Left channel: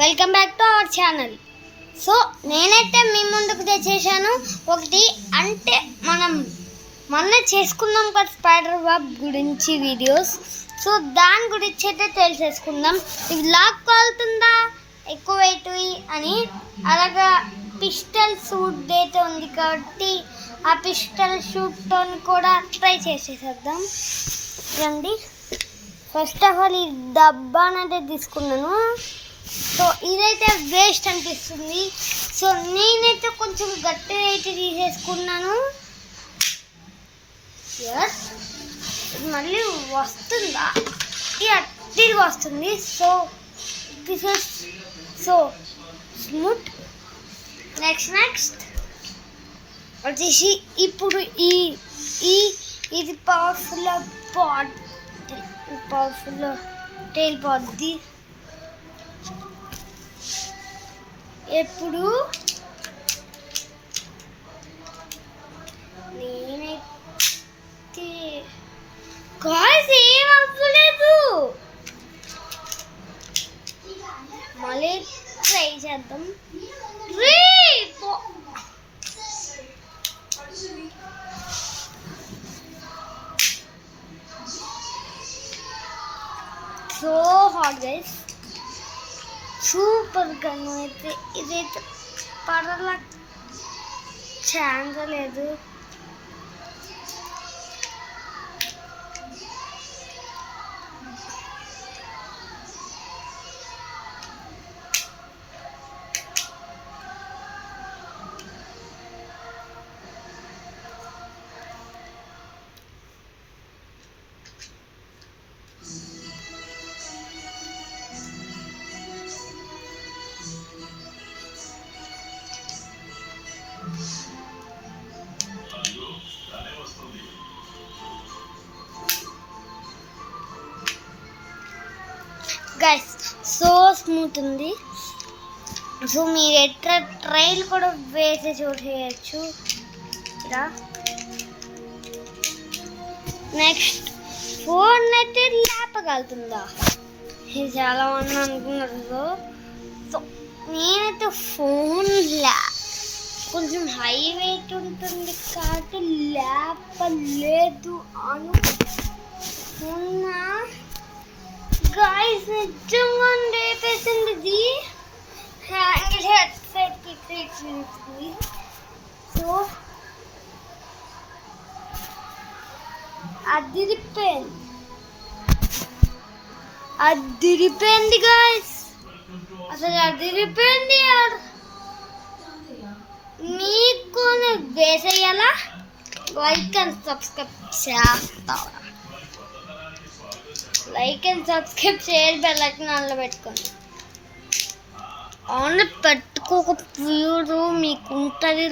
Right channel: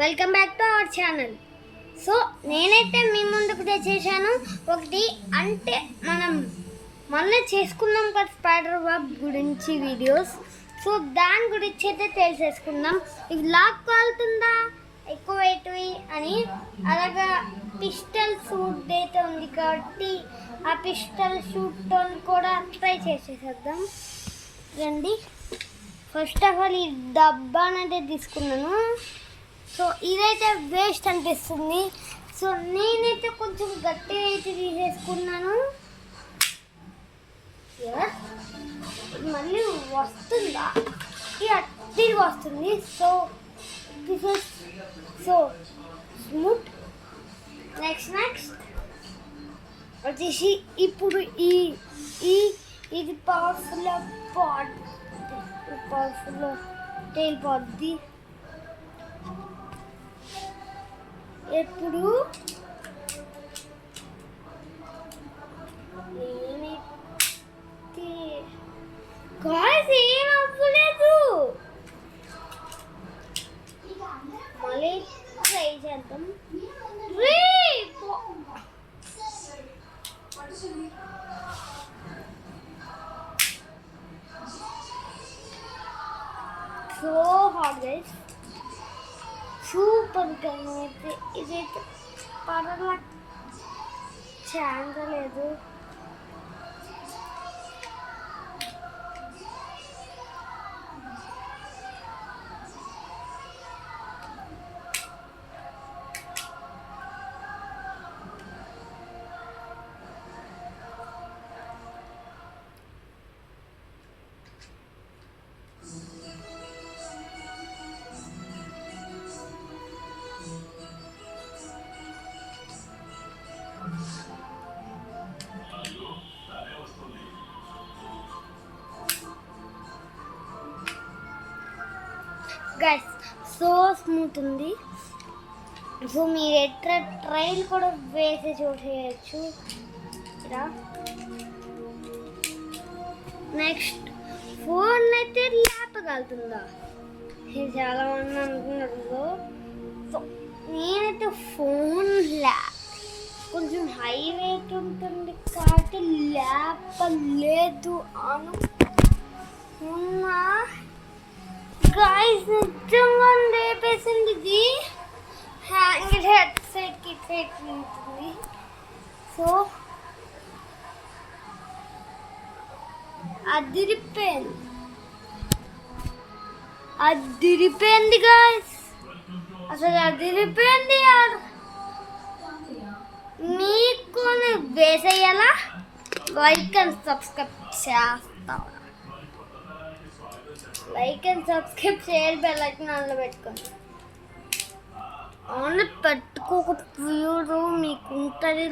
Welcome back to our channel. So నేనైతే మీ ముందుకు తెచ్చేసాను ఒకటి, అంటే మనం మొన్న చేసుకున్నాం కదా స్పైడర్ వెబ్ గురించి వీడియోస్. సో దాని గురించి అయితే తెలిసేసుకుందాం. ఇది లాక్ కాలుతుందా ఎక్కువ వెయిట్ అని. అలాగా పిస్టల్ సూట్ అయితే ఉంది కాబట్టి ఆ పిస్టల్ షూట్తో కూడా ట్రై చేసేసేద్దాం రండి. ఫస్ట్ ఆఫ్ ఆల్ ఈ డబ్బా అనేది తీసుకున్నాను. సో ఇదైతే వేస్ట్ అనిపిస్తుంది. సో నేనైతే కొంచెం గట్టిగా అయితే తీసేసుకున్నాను. మళ్ళీ వస్తుందా? తిరిగి వస్తుంది. So this is so smooth. Next వచ్చేసి ఇప్పుడు ఇది పవర్ఫుల్ టైల్ పాడ్ది. ఎప్పుడు నేనైతే గాయ్స్ ఏం అవ్వలేదు. మళ్ళీ ట్రై చేద్దాం. So hot guys, super gun అయితే. ఇదైతే పడల ఛాన్స్ లేదు. గైస్ సో స్మూత్ ఉంది. సో మీరు ఎట్లా ట్రైల్ కూడా వేసి చూసేయచ్చు ఇలా. నెక్స్ట్ ఫోన్ అయితే లేపగలుగుతుందా? ఇది చాలా మంది అనుకున్నారు. సో నేనైతే ఫోన్ కొంచెం హై వెయిట్ ఉంటుంది కాబట్టి లేపలేదు అనుకున్నా. గాయ్స్ నిజంగా లేపేసింది. ఇది హ్యాంగిల్ హెడ్ సైడ్కి ఉంటుంది. సో అదిరిపోయింది గాయ్స్, అసలు అదిరిపోయింది. మీకు వేసేయాలా? లైక్ అండ్ సబ్స్క్రైబ్ చేస్తావా? లైక్ అండ్ సబ్స్క్రైబ్ చేయాలి, బెల్ ఐకాన్ ఆన్లో పెట్టుకోండి. ఆన్లో పెట్టుకోకపోయారు మీకు ఉంటుంది.